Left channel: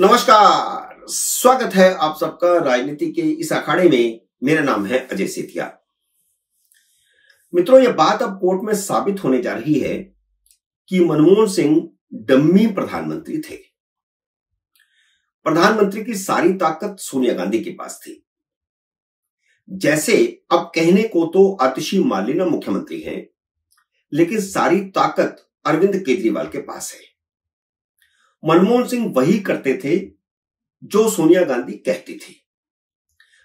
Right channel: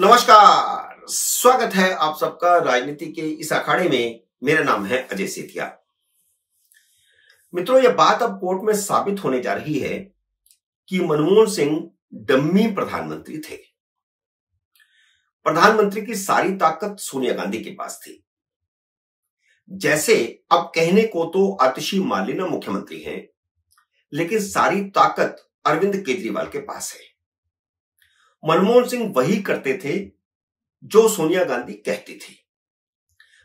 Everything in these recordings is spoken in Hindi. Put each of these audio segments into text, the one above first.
नमस्कार, स्वागत है आप सबका राजनीति के इस अखाड़े में। मेरा नाम है अजय सेठिया। मित्रों, यह बात अब कोर्ट में साबित होने जा रही है कि मनमोहन सिंह डम्मी प्रधानमंत्री थे। प्रधानमंत्री की सारी ताकत सोनिया गांधी के पास थी। जैसे अब कहने को तो आतिशी मार्लेना मुख्यमंत्री हैं, लेकिन सारी ताकत अरविंद केजरीवाल के पास है। मनमोहन सिंह वही करते थे जो सोनिया गांधी कहती थी।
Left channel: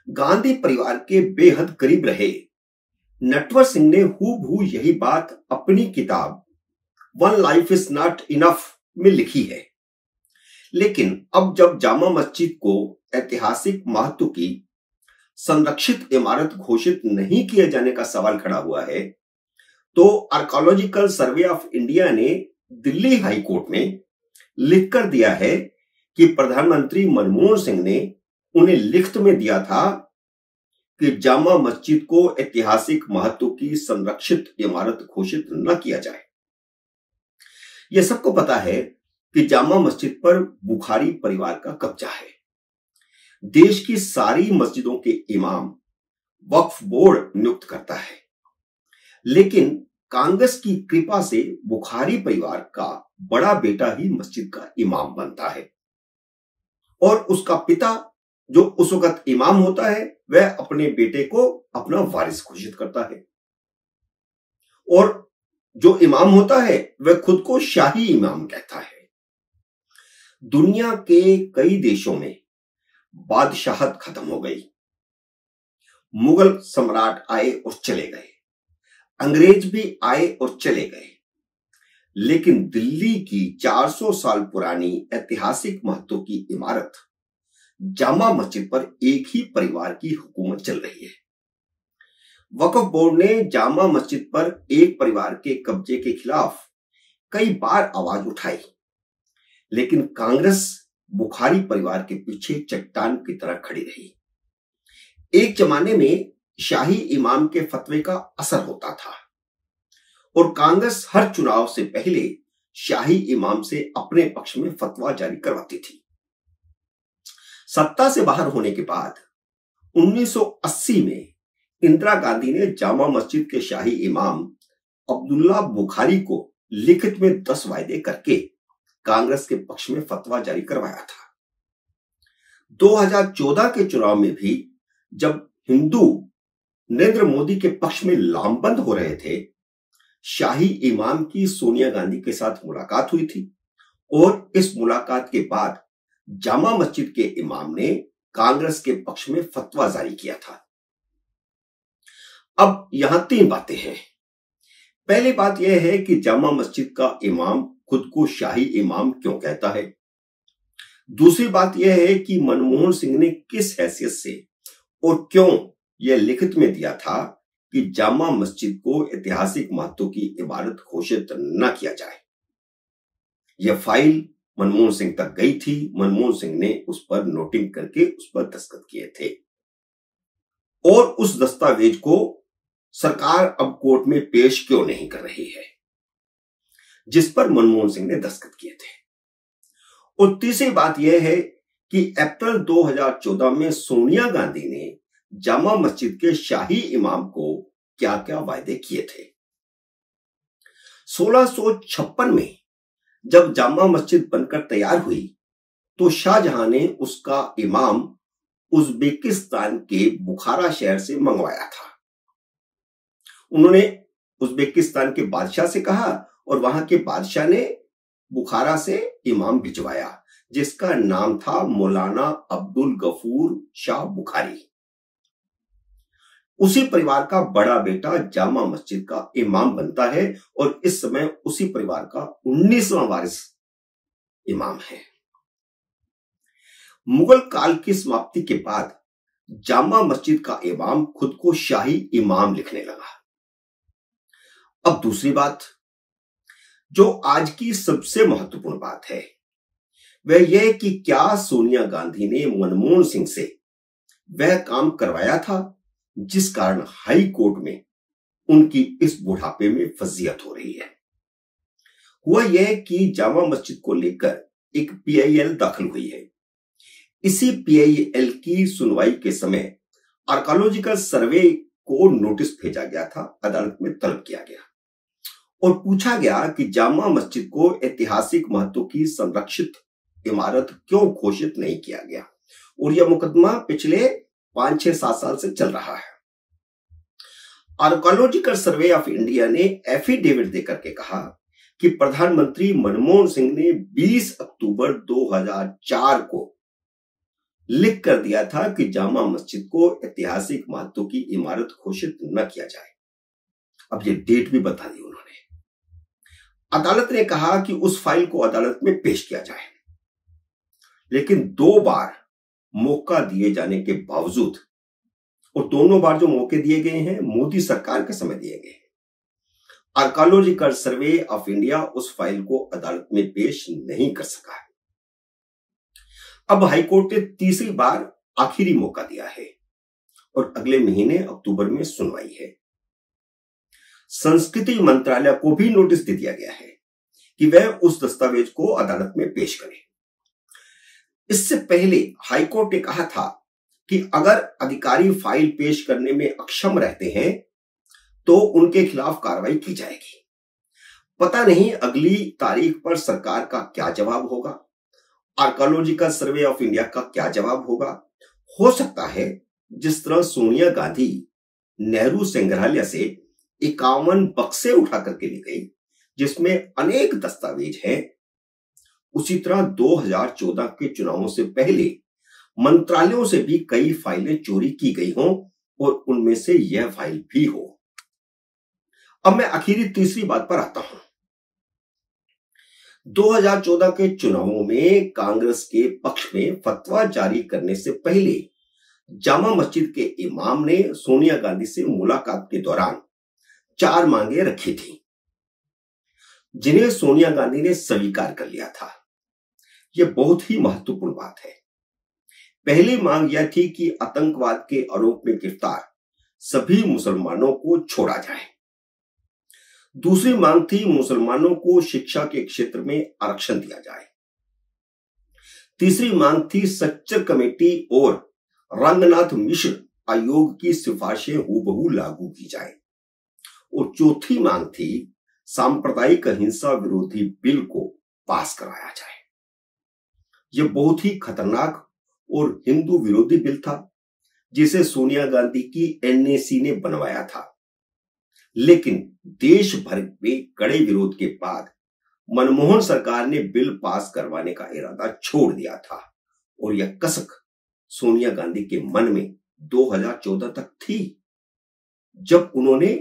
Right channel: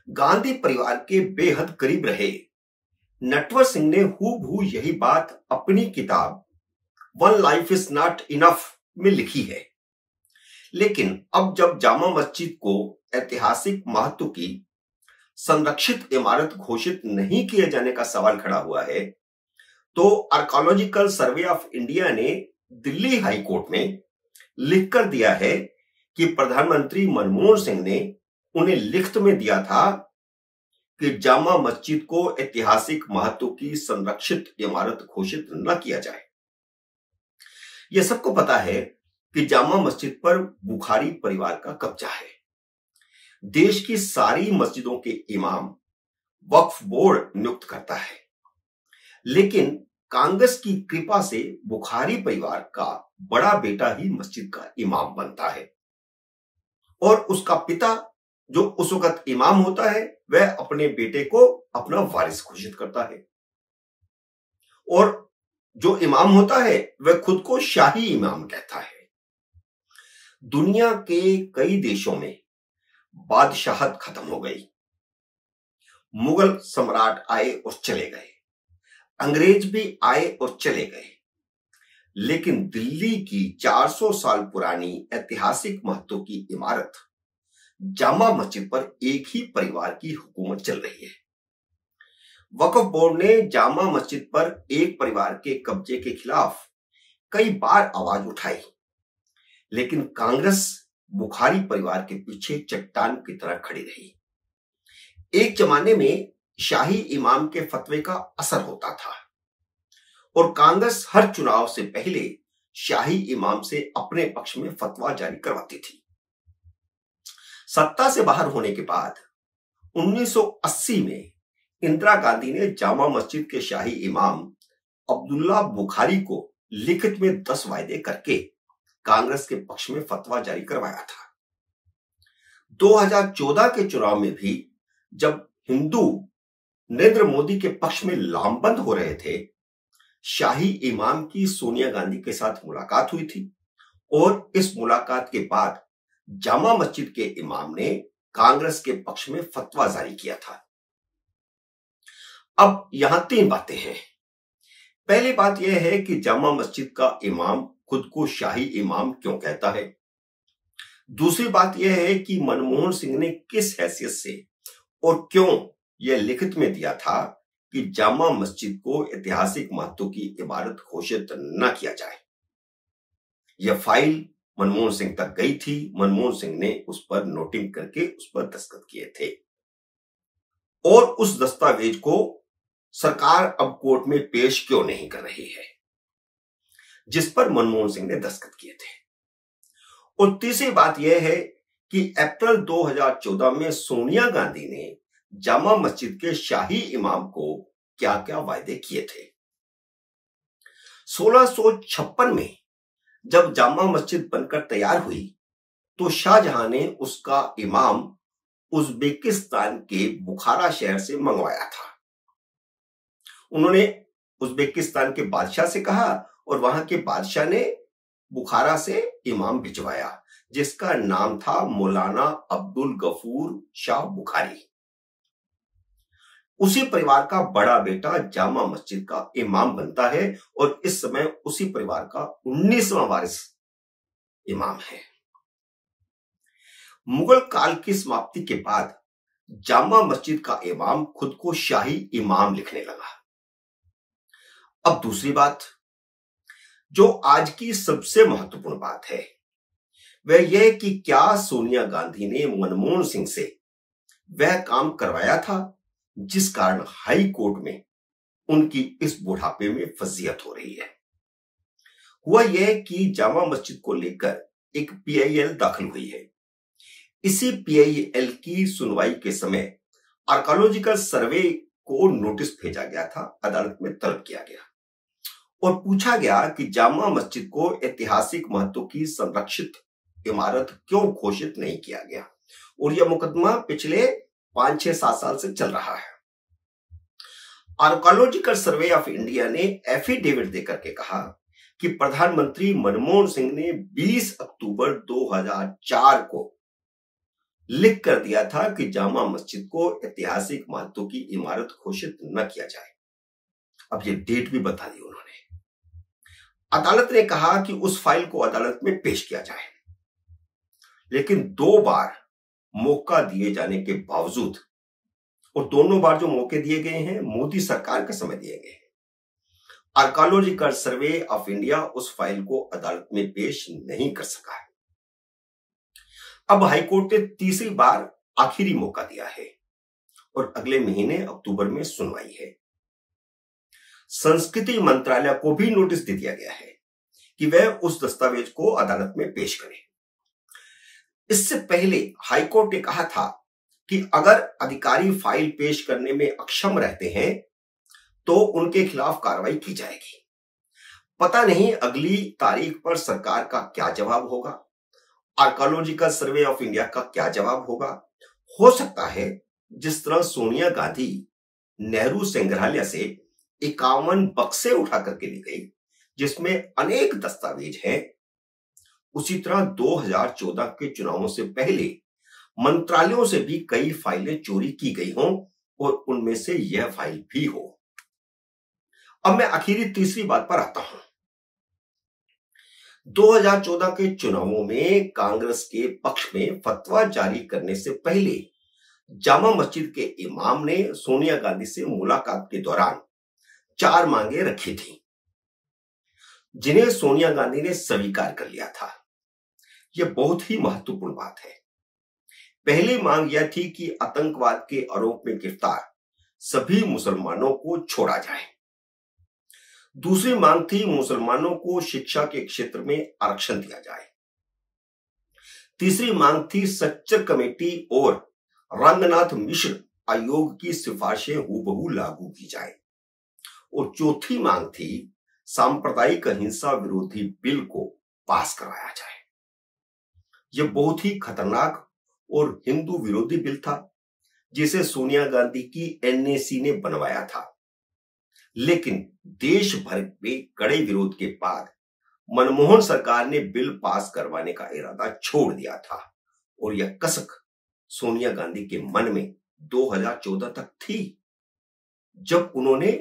गांधी परिवार के बेहद करीब रहे नटवर सिंह ने हूबहू यही बात अपनी किताब one life is not enough में लिखी है। लेकिन अब जब जामा मस्जिद को ऐतिहासिक महत्व की संरक्षित इमारत घोषित नहीं किए जाने का सवाल खड़ा हुआ है, तो आर्कियोलॉजिकल सर्वे ऑफ इंडिया ने दिल्ली हाई कोर्ट में लिखकर दिया है कि प्रधानमंत्री मनमोहन सिंह ने उन्हें लिखित में दिया था कि जामा मस्जिद को ऐतिहासिक महत्व की संरक्षित इमारत घोषित न किया जाए। यह सबको पता है कि जामा मस्जिद पर बुखारी परिवार का कब्जा है। देश की सारी मस्जिदों के इमाम वक्फ बोर्ड नियुक्त करता है, लेकिन कांग्रेस की कृपा से बुखारी परिवार का बड़ा बेटा ही मस्जिद का इमाम बनता है और उसका पिता जो उस वक्त इमाम होता है वह अपने बेटे को अपना वारिस घोषित करता है और जो इमाम होता है वह खुद को शाही इमाम कहता है। दुनिया के कई देशों में बादशाहत खत्म हो गई। मुगल सम्राट आए और चले गए, अंग्रेज भी आए और चले गए, लेकिन दिल्ली की 400 साल पुरानी ऐतिहासिक महत्व की इमारत जामा मस्जिद पर एक ही परिवार की हुकूमत चल रही है। वक्फ बोर्ड ने जामा मस्जिद पर एक परिवार के कब्जे के खिलाफ कई बार आवाज उठाई, लेकिन कांग्रेस बुखारी परिवार के पीछे चट्टान की तरह खड़ी रही। एक जमाने में शाही इमाम के फतवे का असर होता था और कांग्रेस हर चुनाव से पहले शाही इमाम से अपने पक्ष में फतवा जारी करवाती थी। सत्ता से बाहर होने के बाद 1980 में इंदिरा गांधी ने जामा मस्जिद के शाही इमाम अब्दुल्ला बुखारी को लिखित में 10 वायदे करके कांग्रेस के पक्ष में फतवा जारी करवाया था। 2014 के चुनाव में भी जब हिंदू नरेंद्र मोदी के पक्ष में लामबंद हो रहे थे, शाही इमाम की सोनिया गांधी के साथ मुलाकात हुई थी और इस मुलाकात के बाद जामा मस्जिद के इमाम ने कांग्रेस के पक्ष में फतवा जारी किया था। अब यहां 3 बातें हैं। पहली बात यह है कि जामा मस्जिद का इमाम खुद को शाही इमाम क्यों कहता है। दूसरी बात यह है कि मनमोहन सिंह ने किस हैसियत से और क्यों यह लिखित में दिया था कि जामा मस्जिद को ऐतिहासिक महत्व की इमारत घोषित न किया जाए। यह फाइल मनमोहन सिंह तक गई थी। मनमोहन सिंह ने उस पर नोटिंग करके उस पर दस्तखत किए थे और उस दस्तावेज को सरकार अब कोर्ट में पेश क्यों नहीं कर रही है, जिस पर मनमोहन सिंह ने दस्तखत किए थे। और तीसरी बात यह है कि अप्रैल 2014 में सोनिया गांधी ने जामा मस्जिद के शाही इमाम को क्या क्या वायदे किए थे। 1656 में जब जामा मस्जिद बनकर तैयार हुई तो शाहजहां ने उसका इमाम उज्बेकिस्तान के बुखारा शहर से मंगवाया था। उन्होंने उज्बेकिस्तान के बादशाह से कहा और वहां के बादशाह ने बुखारा से इमाम भिजवाया, जिसका नाम था मौलाना अब्दुल गफूर शाह बुखारी। उसी परिवार का बड़ा बेटा जामा मस्जिद का इमाम बनता है और इस समय उसी परिवार का 19वां वारिस इमाम है। मुगल काल की समाप्ति के बाद जामा मस्जिद का इमाम खुद को शाही इमाम लिखने लगा। अब दूसरी बात, जो आज की सबसे महत्वपूर्ण बात है, वह यह कि क्या सोनिया गांधी ने मनमोहन सिंह से वह काम करवाया था जिस कारण हाई कोर्ट में उनकी इस बुढ़ापे में फजीयत हो रही है। हुआ यह कि जामा मस्जिद को लेकर एक पीआईएल दाखिल हुई है इसी PIL की सुनवाई के समय आर्कोलॉजिकल सर्वे को नोटिस भेजा गया था, अदालत में तलब किया गया और पूछा गया कि जामा मस्जिद को ऐतिहासिक महत्व की संरक्षित इमारत क्यों घोषित नहीं किया गया। और यह मुकदमा पिछले 5-6-7 साल से चल रहा है। आर्कोलॉजिकल सर्वे ऑफ इंडिया ने एफिडेविट देकर के कहा कि प्रधानमंत्री मनमोहन सिंह ने 20 अक्टूबर 2004 को लिख कर दिया था कि जामा मस्जिद को ऐतिहासिक महत्व की इमारत घोषित न किया जाए। अब ये डेट भी बता दी उन्होंने। अदालत ने कहा कि उस फाइल को अदालत में पेश किया जाए, लेकिन 2 बार मौका दिए जाने के बावजूद, और दोनों बार जो मौके दिए गए हैं मोदी सरकार के समय दिए गए, आर्कोलॉजिकल सर्वे ऑफ इंडिया उस फाइल को अदालत में पेश नहीं कर सका है। अब हाईकोर्ट ने तीसरी बार आखिरी मौका दिया है और अगले महीने अक्टूबर में सुनवाई है। संस्कृति मंत्रालय को भी नोटिस दे दिया गया है कि वह उस दस्तावेज को अदालत में पेश करे। इससे पहले हाईकोर्ट ने कहा था कि अगर अधिकारी फाइल पेश करने में अक्षम रहते हैं तो उनके खिलाफ कार्रवाई की जाएगी। पता नहीं अगली तारीख पर सरकार का क्या जवाब होगा, आर्कोलॉजिकल सर्वे ऑफ इंडिया का क्या जवाब होगा। हो सकता है जिस तरह सोनिया गांधी नेहरू संग्रहालय से 51 बक्से उठा करके ले गई जिसमें अनेक दस्तावेज हैं, उसी तरह 2014 के चुनावों से पहले मंत्रालयों से भी कई फाइलें चोरी की गई हों और उनमें से यह फाइल भी हो। अब मैं आखिरी तीसरी बात पर आता हूं। 2014 के चुनावों में कांग्रेस के पक्ष में फतवा जारी करने से पहले जामा मस्जिद के इमाम ने सोनिया गांधी से मुलाकात के दौरान 4 मांगे रखी थी, जिन्हें सोनिया गांधी ने स्वीकार कर लिया था। यह बहुत ही महत्वपूर्ण बात है। पहली मांग यह थी कि आतंकवाद के आरोप में गिरफ्तार सभी मुसलमानों को छोड़ा जाए। दूसरी मांग थी मुसलमानों को शिक्षा के क्षेत्र में आरक्षण दिया जाए। तीसरी मांग थी सच्चर कमेटी और रंगनाथ मिश्र आयोग की सिफारिशें हूबहू लागू की जाए। और चौथी मांग थी सांप्रदायिक हिंसा विरोधी बिल को पास कराया जाए। यह बहुत ही खतरनाक और हिंदू विरोधी बिल था जिसे सोनिया गांधी की NAC ने बनवाया था, लेकिन देश भर में कड़े विरोध के बाद मनमोहन सरकार ने बिल पास करवाने का इरादा छोड़ दिया था और यह कसक सोनिया गांधी के मन में 2014 तक थी, जब उन्होंने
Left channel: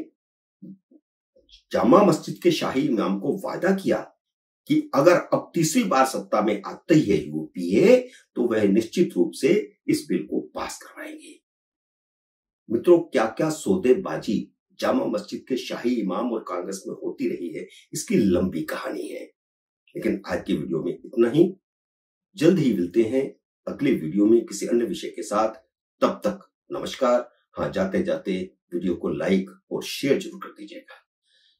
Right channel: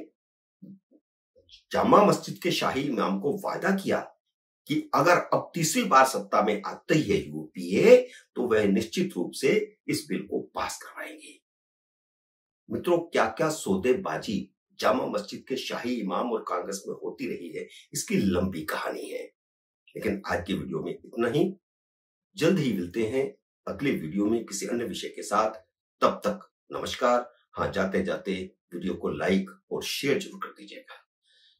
जामा मस्जिद के शाही इमाम को वादा किया कि अगर अब तीसरी बार सत्ता में आते ही है UPA तो वह निश्चित रूप से इस बिल को पास करवाएंगे। मित्रों, क्या क्या सौदेबाजी जामा मस्जिद के शाही इमाम और कांग्रेस में होती रही है, इसकी लंबी कहानी है। लेकिन आज की वीडियो में इतना ही। जल्द ही मिलते हैं अगले वीडियो में किसी अन्य विषय के साथ। तब तक नमस्कार। हाँ, जाते जाते वीडियो को लाइक और शेयर जरूर कर दीजिएगा।